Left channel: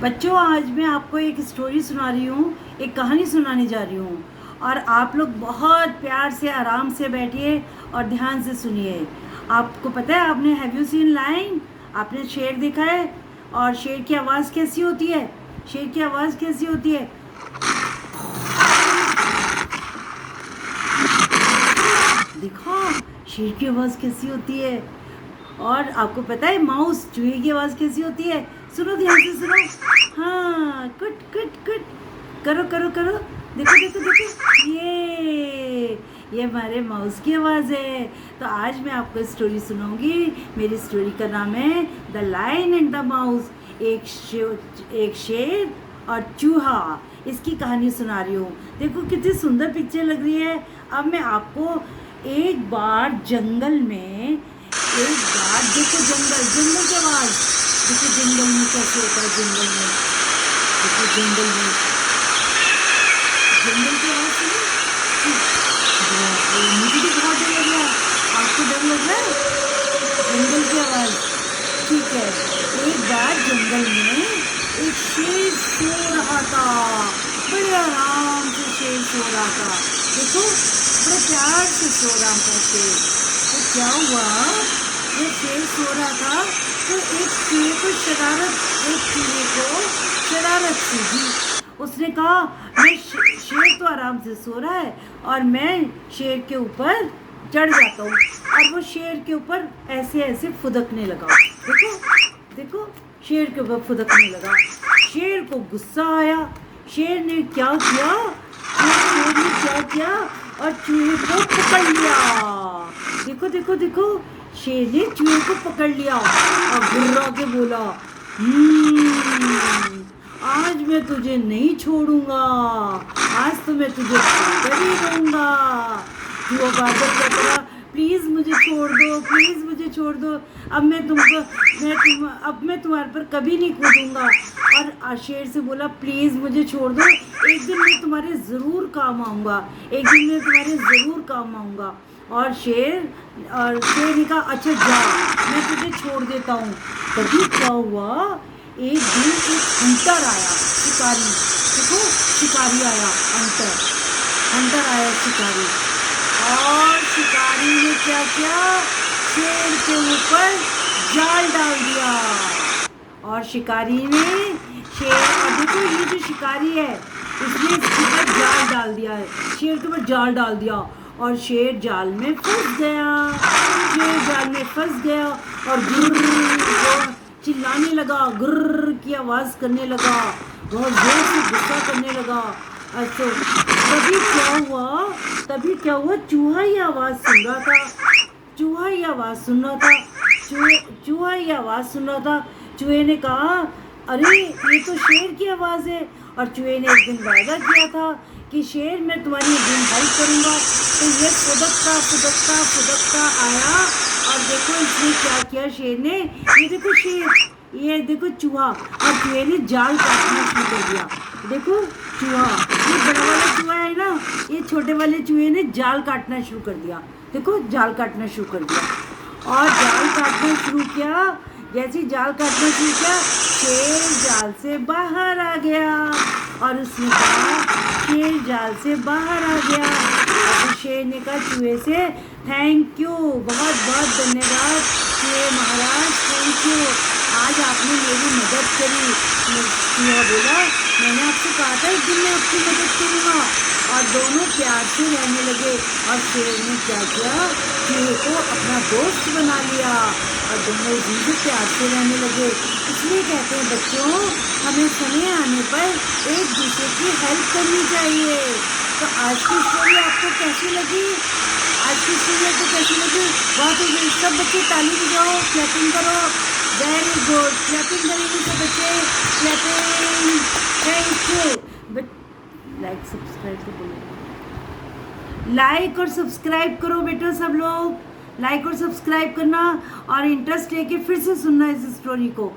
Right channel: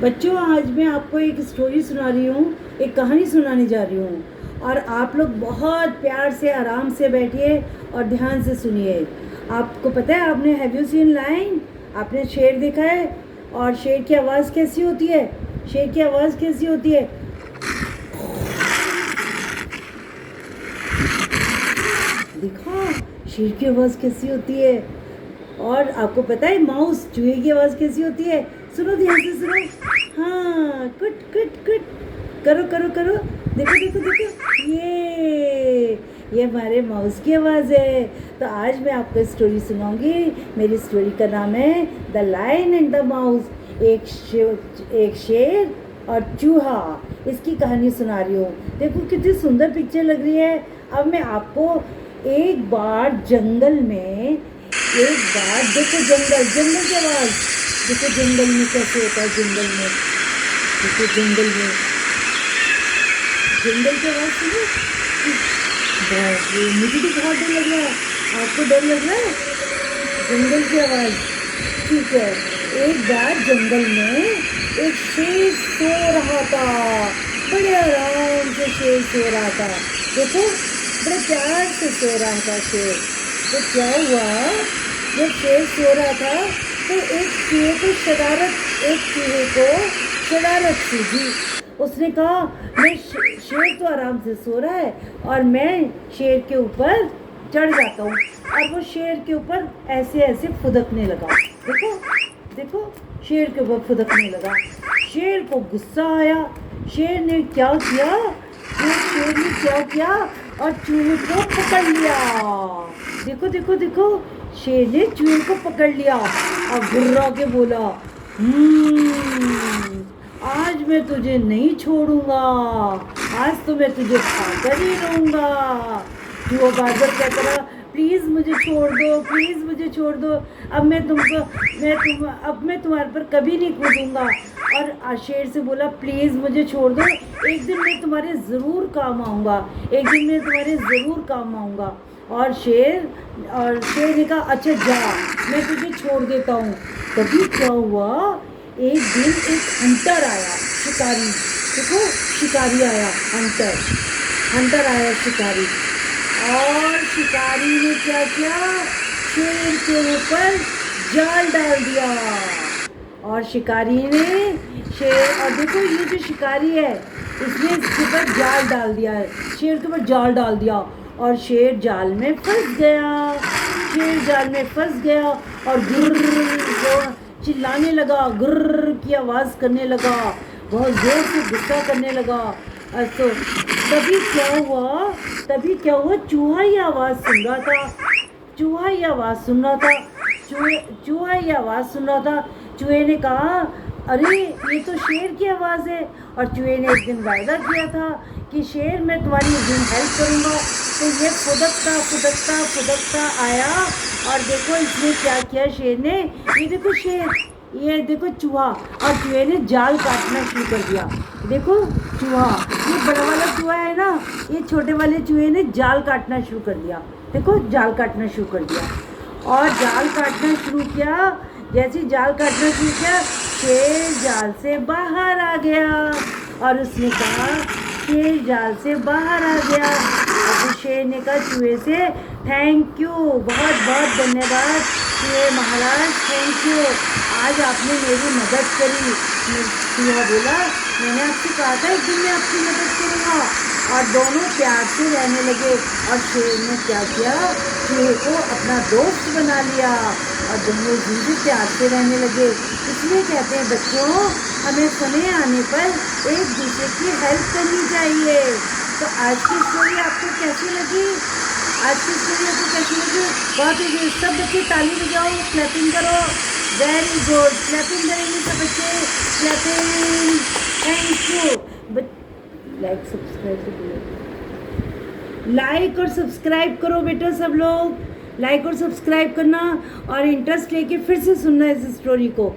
बच्चों, आज मैं आपको एक स्टोरी सुना रही हूँ, एक कहानी सुनाने जा रही हूँ और आप लोग बहुत प्यार से आराम से बैठिए और ध्यान से सुनिए। आपको पता है, आपने हैव यू सीन लायन? आपने शेर देखा है? और शेर की आवाज़ कैसी होती है? शेर की आवाज़ कैसी होती है? देखो शेर की आवाज़ कैसी होती है। और आपको पता है माउस चूहे की आवाज़ कैसी होती है? सुनो, ध्यान से सुनो। हाँ, कुट कुट कुट, करो करो करो, देखो देखो देखो, ये हमारे माउस की आवाज़ है। तो आज मैं आपको स्टोरी सुनाऊंगी। मेरी स्टोरी का नाम है the lion and the mouse. एक शेर और चूहा, इसकी कहानी सुना रही हूँ। देखो कितनी सुंदर पिक्चर लग रही है। अब मैं आपको एक बार जंगल में, एक बार देखो जंगल की आवाज़, देखो जंगल में कैसे होता है। जंगल में देखो, जंगल की आवाज़ सुनो। मुझे तो बहुत डर लग रहा है। आपको डर लग रहा है? जंगल की आवाज़, ठीक है। एक बार जंगल में एक शेर सो रहा था। बड़े आराम से शेर सो रहा था। देखो बड़े प्यार से सो रहा था शेर। तो क्या हुआ, जब शेर सो रहा था तो एक चूहे को शरारत सूझी। उसने कहा, मैं शेर तो आराम से सो रहा है और मैं शेर के ऊपर चढ़ जाता हूँ। और वो शेर के ऊपर ऐसे ऐसे फुदकने लगा। देखो देखो, शेर के ऊपर फुदकने लगा। शेर को गुस्सा आया। शेर ने क्या किया, और चूहे को पकड़ लिया। देखो देखो देखो, शेर ने चूहे को पकड़ लिया और घुर्रा के बोला, आज मैं तुझे नहीं छोड़ूंगा, आज तो मैं तुझे खाकर ही रहूंगा। चूहा बादल कहता रहा, प्लीज़ मुझे छोड़ दो, प्लीज़ मुझे छोड़ दो। अब मैं तुम्हारे पर कभी नहीं कूदूंगा। और शेर से बोला, प्लीज़ मुझे छोड़ दो, एक दिन मैं तुम्हारे ज़रूर काम आऊँगा, एक दिन मैं तुम्हारे ज़रूर काम आऊँगा। और शेर ने कहा, अच्छा जा, मैं तुझे छोड़ देता हूँ। तभी क्या हुआ, एक दिन एक हंटर आया, शिकारी। देखो शिकारी आया, हंटर आया शिकारी। और शिकारी ने क्या किया, शेर के ऊपर जाल डाल दिया। और शिकारी ने और देखो ये जो शिकारी है, इसने इसके ऊपर जाल डाल दिया है, शेर के ऊपर जाल डाल दिया। और शेर जाल में फंस गया। और गुर्र चिल्लाने लगा, गुर्र की आवाज़ करने लगा, बहुत जोर से गुस्सा करने लगा। अच्छा, तभी क्या हुआ, चूहा ही आवाज़ सुन रहा था। चूहे ने कहा, अरे ये तो शेर की आवाज़ है। और चूहे ने एक दिन वायदा किया था कि शेर, मैं तुम्हारी एक दिन हेल्प करूँगा। तो ये फुदकता आया। और देखो इसने क्या किया, शेर ने, ये देखो चूहा, और चूहे ने जाल काटना शुरू कर दिया। देखो चूहा, ये बड़ा वाला चूहा है ना, ये छोटे वाले चूहे ने जाल काटना शुरू कर दिया। देखो जाल काटना शुरू कर दिया। और जाल काटना शुरू किया, जैसे जाल काटना शुरू किया, शेर जाल से बाहर आ गया। और उसने कहा, शेर जाल से बाहर आ गया। और शेर ने कहा चूहे से, थैंक यू, बहुत बहुत धन्यवाद चूहे महाराज, थैंक यू, आज आपने मेरी मदद करी। चूहा बोला, मैंने आपसे कहा था एक दिन मैं आपकी मदद करूँगा। और दोनों प्यार से रहने लगे। और शेर ने क्या किया, चूहे को अपना दोस्त बना लिया और दोनों भी प्यार से रहने लगे। इसलिए कहते हैं बच्चों, हमें समय आने पर एक दूसरे की हेल्प करनी चाहिए। तो आज की स्टोरी आपको कैसी लगी? बहुत ही, सब बच्चे ताली बजाओ, क्लैपिंग करो, वेरी गुड, क्लैपिंग करेंगे सब बच्चे, क्लैपिंग, थैंक यू। लाइक और सब्सक्राइब करो बेटा, सब लोग लाइक और सब्सक्राइब करना और इंटरेस्ट लेके फिर से सुनना इस स्टोरी को।